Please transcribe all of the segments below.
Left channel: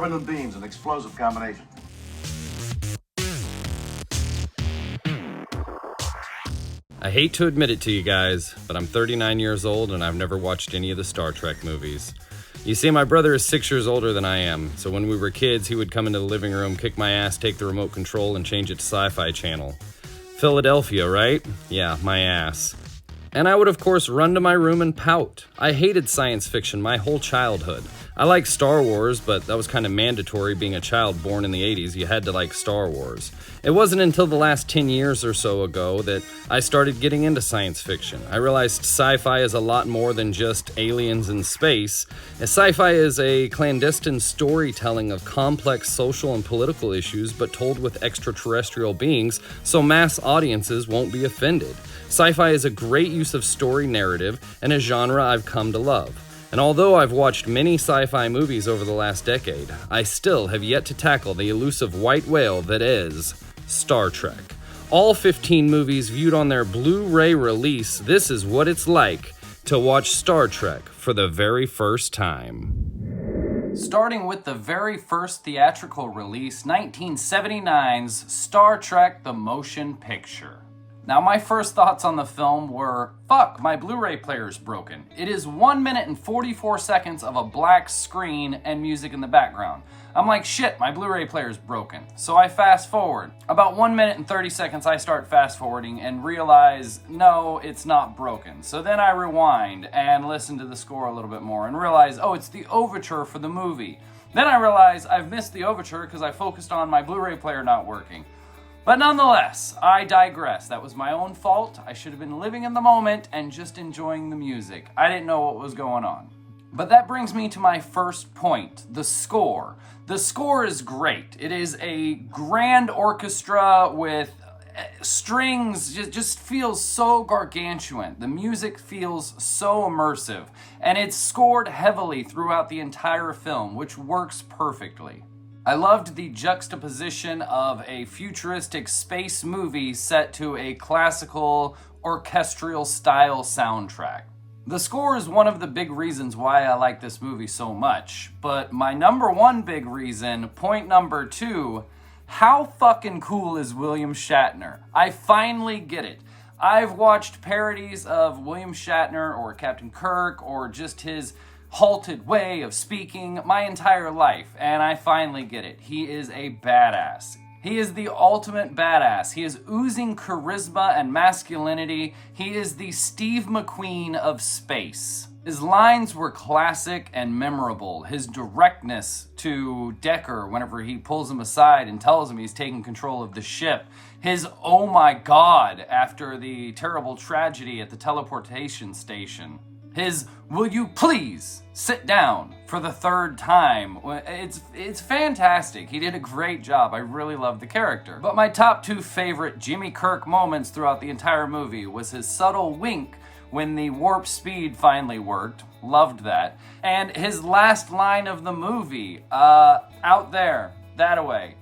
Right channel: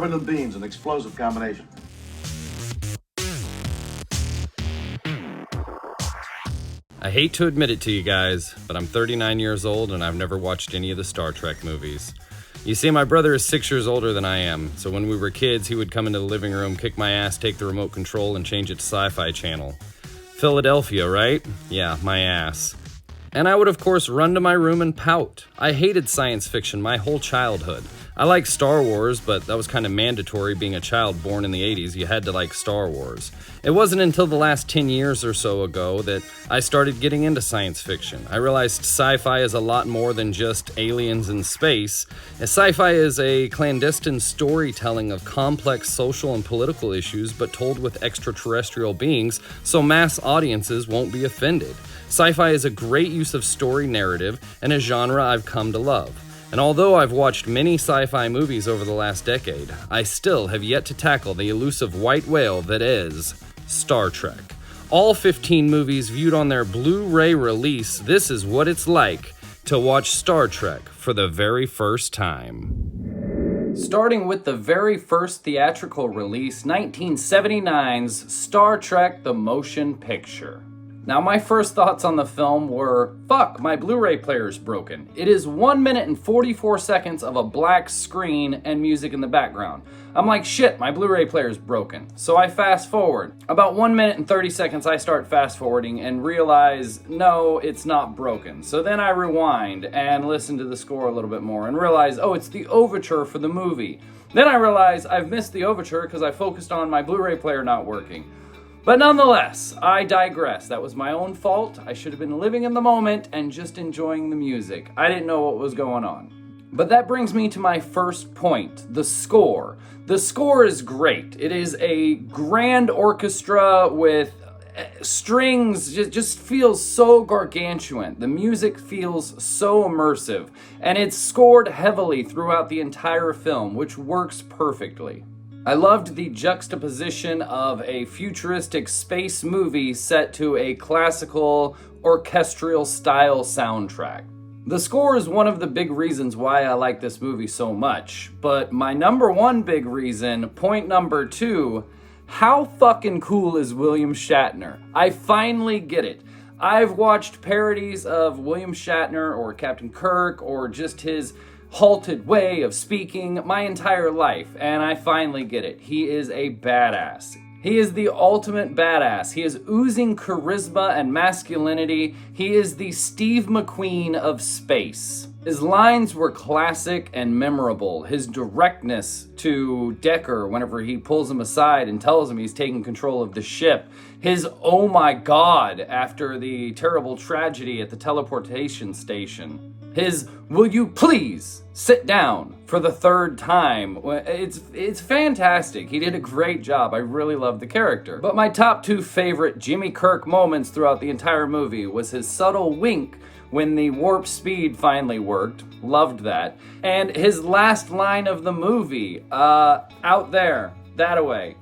Turbine beams, an explosive combination. I hate to admit it to you guys, but I'm 39 years old and I've never watched any of the Star Trek movies. You see, my brother is 6 years older than I am, so when we were kids, he would come into the living room, kick my ass, take the remote control, and change it to Sci-Fi Channel. Philadelphia, right? Yeah, my ass. And I would, of course, run to my room and pout. I hated science fiction my whole childhood. I liked Star Wars, but that was kind of mandatory being a child born in the 80s. You had to like Star Wars. It wasn't until the last 10 years or so ago that I started getting into science fiction. I realized sci-fi is a lot more than just aliens in space. Sci-fi is a clandestine storytelling of complex social and political issues, but told with extraterrestrial beings, so mass audiences won't be offended. Sci-fi is a great use of story narrative and a genre I've come to love. And although I've watched many sci-fi movies over the last decade, I still have yet to tackle the elusive white whale that is Star Trek. All 15 movies viewed on their Blu-ray release, this is what it's like to watch Star Trek for the very first time. Starting with the very first theatrical release, 1979's Star Trek: The Motion Picture. Now, my first thoughts on the film were, fuck, my Blu-ray player's broken. It is 1 minute and 44 seconds of a black screen and music in the background. I'm like, shit, my Blu-ray player's broken. So I fast forward. About 1 minute and 30 seconds, I start fast forwarding and realize, no, it's not broken. So then I rewind and listen to the score a little bit more and realize, oh, it's the overture for the movie. Then I realize I've missed the overture because I focused on my Blu-ray player not working. But nonetheless, I digress. That was my own fault. I should have been living in the moment and just enjoying the music. I didn't know what was going on. But that brings me to my first point, the score. The score is great. It is a grand orchestra with strings, just feels so gargantuan. The music feels so immersive, and it's scored heavily throughout the entire film, which works perfectly. I loved the juxtaposition of a futuristic space movie set to a classical orchestral style soundtrack. The score is one of the big reasons why I like this movie so much, but my number one big reason, point number two, how fucking cool is William Shatner? I finally get it. I've watched parodies of William Shatner or Captain Kirk or just his halted way of speaking my entire life, and I finally get it. He is a badass. He is the ultimate badass. He is oozing charisma and masculinity. He is the Steve McQueen of space. His lines were classic and memorable. His directness to Decker whenever he pulls him aside and tells him he's taking control of the ship. His oh my god after the terrible tragedy at the teleportation station. His will you please sit down for the third time. It's fantastic. He did a great job. I really love the character. But my top two favorite Jimmy Kirk moments throughout the entire movie was his subtle wink when the warp speed finally worked. Loved that. And his last line of the movie, out there, that away.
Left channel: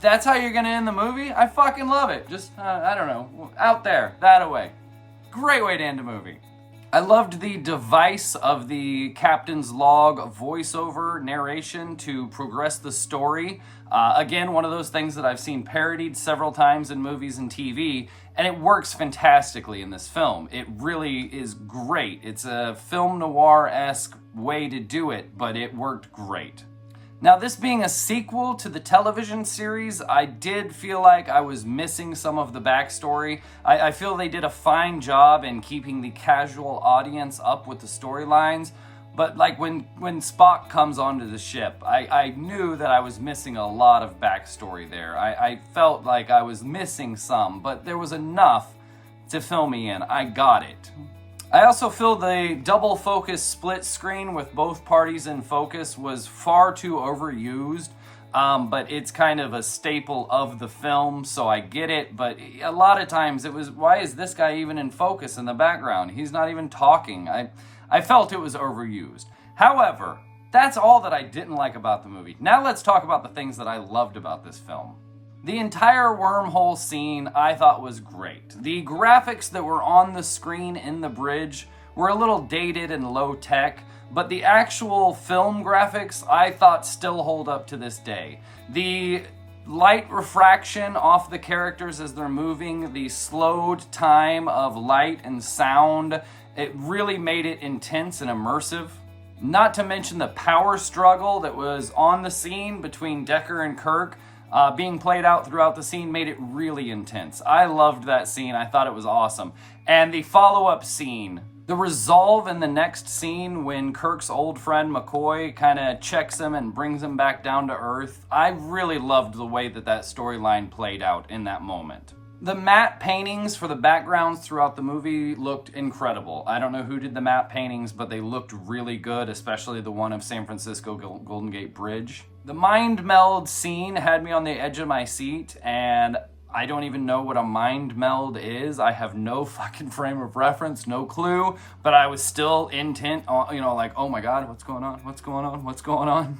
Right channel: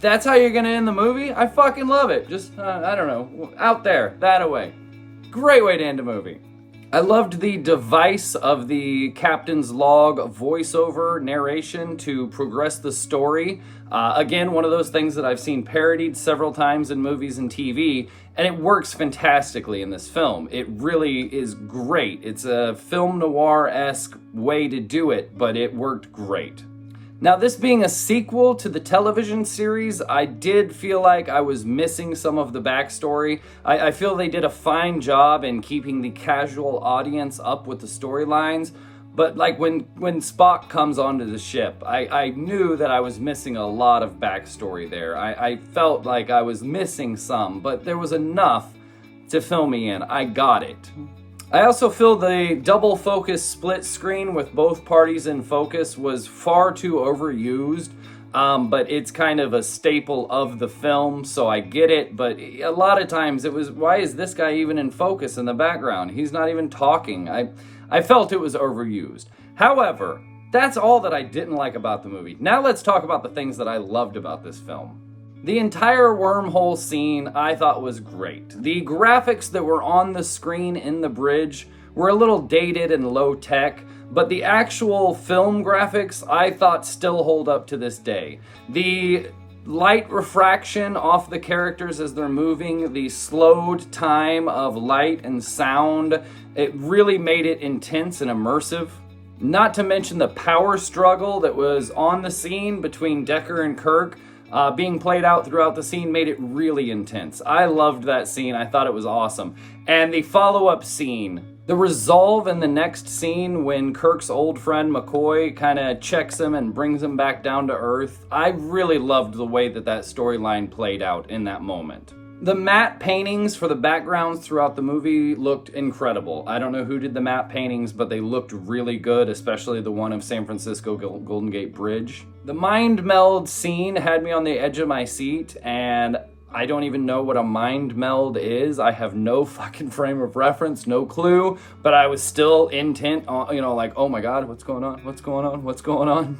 That's how you're gonna end the movie? I fucking love it. Just, I don't know, out there, that away. Great way to end a movie. I loved the device of the captain's log voiceover narration to progress the story. Again, one of those things that I've seen parodied several times in movies and TV, and it works fantastically in this film. It really is great. It's a film noir-esque way to do it, but it worked great. Now, this being a sequel to the television series, I did feel like I was missing some of the backstory. I feel they did a fine job in keeping the casual audience up with the storylines, but like when Spock comes onto the ship, I knew that I was missing a lot of backstory there. I felt like I was missing some, but there was enough to fill me in. I got it. I also feel the double focus split screen with both parties in focus was far too overused, but it's kind of a staple of the film, so I get it, but a lot of times it was, why is this guy even in focus in the background? He's not even talking. I felt it was overused. However, that's all that I didn't like about the movie. Now let's talk about the things that I loved about this film. The entire wormhole scene I thought was great. The graphics that were on the screen in the bridge were a little dated and low tech, but the actual film graphics I thought still hold up to this day. The light refraction off the characters as they're moving, the slowed time of light and sound, it really made it intense and immersive. Not to mention the power struggle that was on the scene between Decker and Kirk, being played out throughout the scene made it really intense. I loved that scene. I thought it was awesome. And the follow-up scene, the resolve in the next scene when Kirk's old friend McCoy kind of checks him and brings him back down to Earth, I really loved the way that storyline played out in that moment. The matte paintings for the backgrounds throughout the movie looked incredible. I don't know who did the matte paintings, but they looked really good, especially the one of San Francisco Golden Gate Bridge. The mind meld scene had me on the edge of my seat, and I don't even know what a mind meld is. I have no fucking frame of reference, no clue, but I was still intent on, like, oh my God, what's going on? What's going on? What's going on?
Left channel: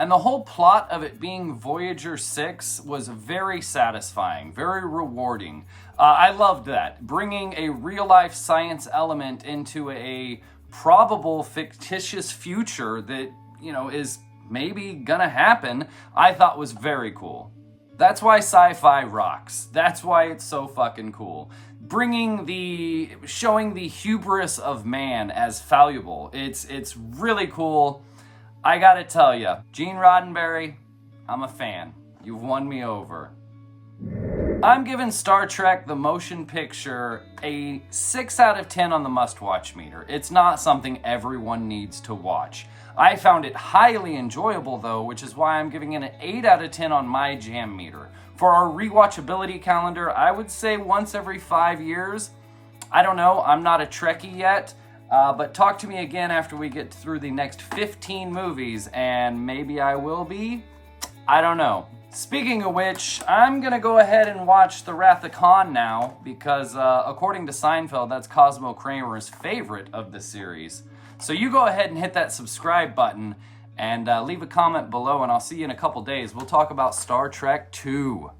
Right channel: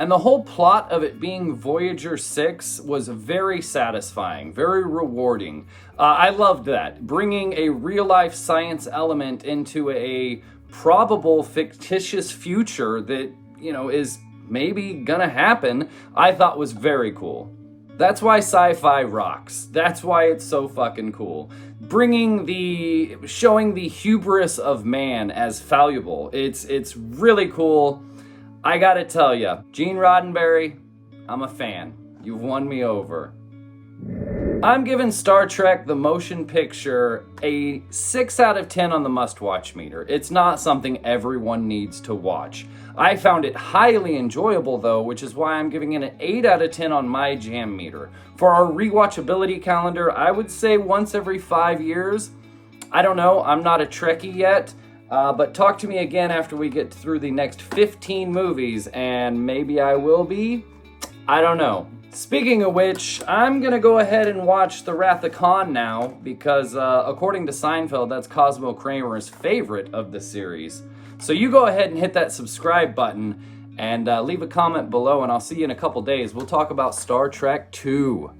And the whole plot of it being Voyager 6 was very satisfying, very rewarding. I loved that. Bringing a real-life science element into a probable fictitious future that, is maybe gonna happen, I thought was very cool. That's why sci-fi rocks. That's why it's so fucking cool. Showing the hubris of man as fallible. It's really cool. I gotta tell ya, Gene Roddenberry, I'm a fan. You've won me over. I'm giving Star Trek the motion picture a 6 out of 10 on the must-watch meter. It's not something everyone needs to watch. I found it highly enjoyable though, which is why I'm giving it an 8 out of 10 on my jam meter. For our rewatchability calendar, I would say once every 5 years. I don't know, I'm not a Trekkie yet. But talk to me again after we get through the next 15 movies, and maybe I will be. I don't know. Speaking of which, I'm gonna go ahead and watch The Wrath of Khan now, because according to Seinfeld, that's Cosmo Kramer's favorite of the series. So you go ahead and hit that subscribe button, and leave a comment below, and I'll see you in a couple days. We'll talk about Star Trek 2.